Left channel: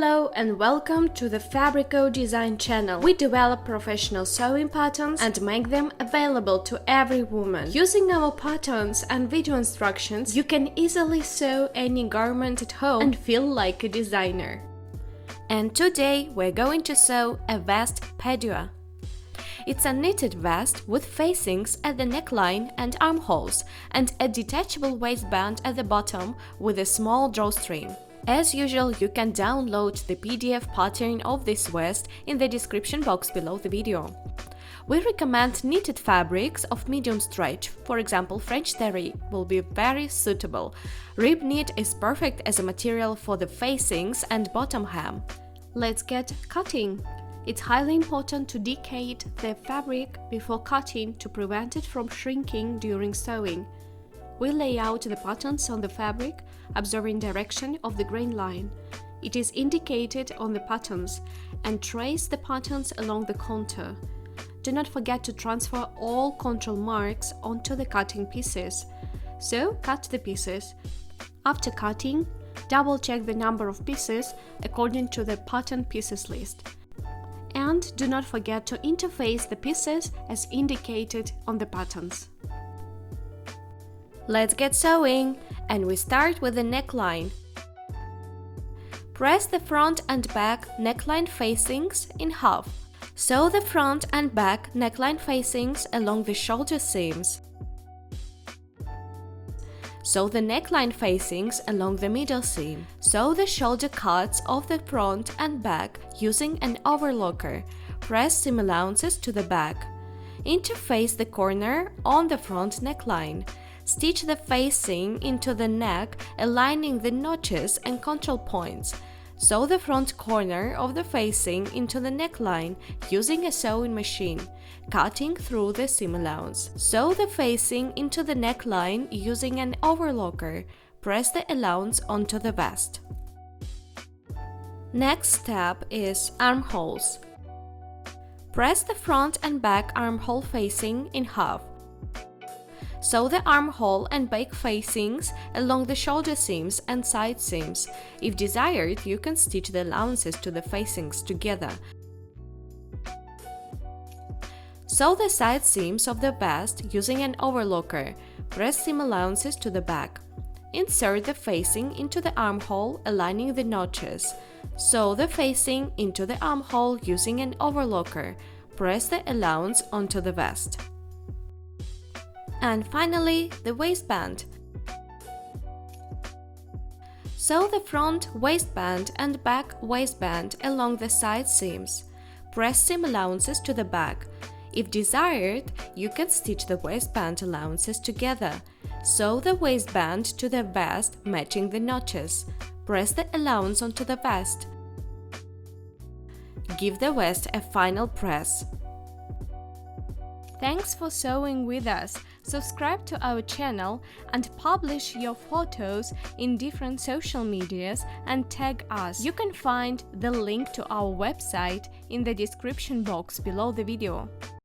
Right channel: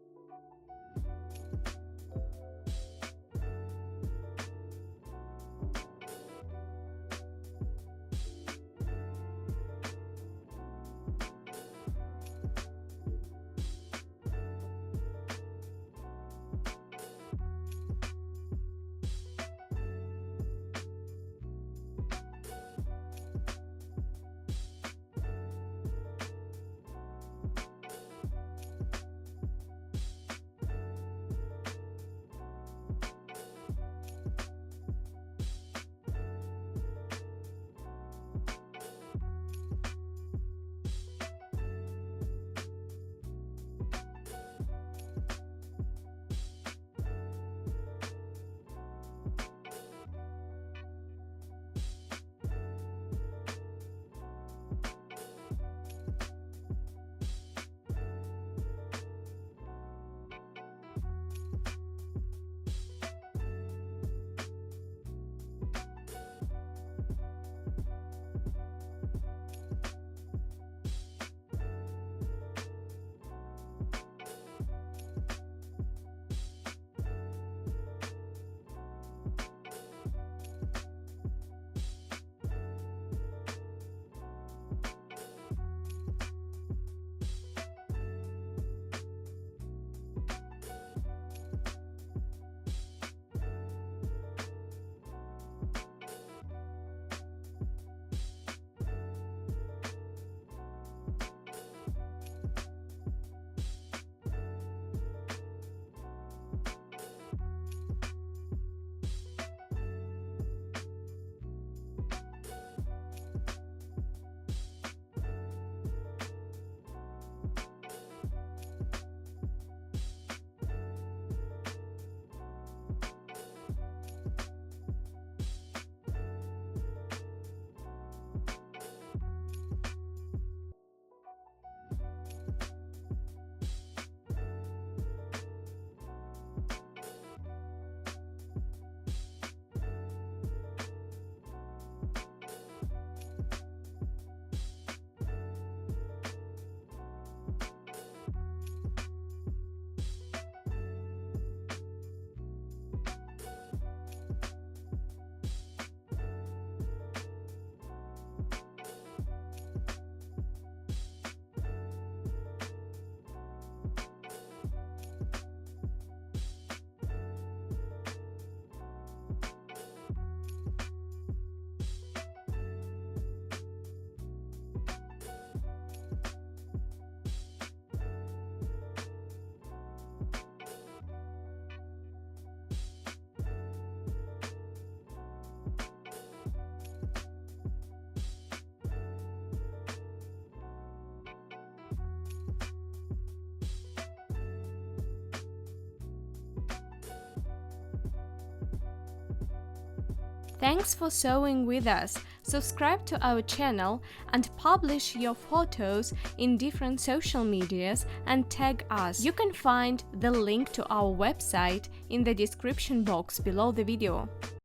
Hello and welcome to the Fabrico.Design channel. We develop professional sewing patterns and make them available to every woman. Using our patterns and video instructions, you can easily sew any garment at home and feel like a designer. And today we're going to sew a vest Padua. It's a knitted vest with facings at the neckline and armholes and a detachable waistband at the bottom with a small drawstring. As usual, you can download the PDF pattern of this vest in the description box below the video. We recommend knitted fabrics of medium stretch, for example French terry will be very suitable. Rib knit is perfect as a material for the facings and bottom hem. Let's get cutting. It's highly important to decade the fabric before cutting to prevent it from shrinking during sewing. We lay out the patterns on the fabric, observing direction of the grain line. It is indicated on the patterns, and trace the patterns along the contour. Do not forget to transfer all control marks onto the cutting pieces. So, cut the pieces. After cutting, double-check the number of pieces according to the pattern pieces list. And do not forget to interface the pieces as indicated on the patterns. Let's get sewing, and we start with the neckline. Press the front and back neckline facings in half. Sew the front and back neckline facings along the shoulder seams. Sew the neckline facings along the middle seam. Sew the shoulder cuts of the front and back using an overlocker. Press seam allowances to the back. Interface the corner on the front neckline. Stitch the facing into the neck, aligning the notches and control points. Sew the front corner of the facing into the neckline using a sewing machine, cutting through the seam allowance. Sew the facing into the neckline using an overlocker. Press the allowance onto the vest. Next step is armholes. Press the front and back armhole facing in half. Sew the armhole and back facings along the shoulder seams and side seams. If desired, you can stitch the allowances to the facings together. Sew the side seams of the vest using an overlocker. Press seam allowances to the back. Insert the facing into the armhole, aligning the notches. Sew the facing into the armhole using an overlocker. Press the allowance onto the vest. And finally, the waistband. Sew the front waistband and back waistband along the side seams. Press seam allowances to the back. If desired, you can stitch the waistband allowances together. Sew the waistband to the vest, matching the notches. Press the allowance onto the vest. Give the vest a final press. Thanks for sewing with us. Subscribe to our channel and publish your photos in different social medias and tag us. You can find the link to our website in the description box below the video.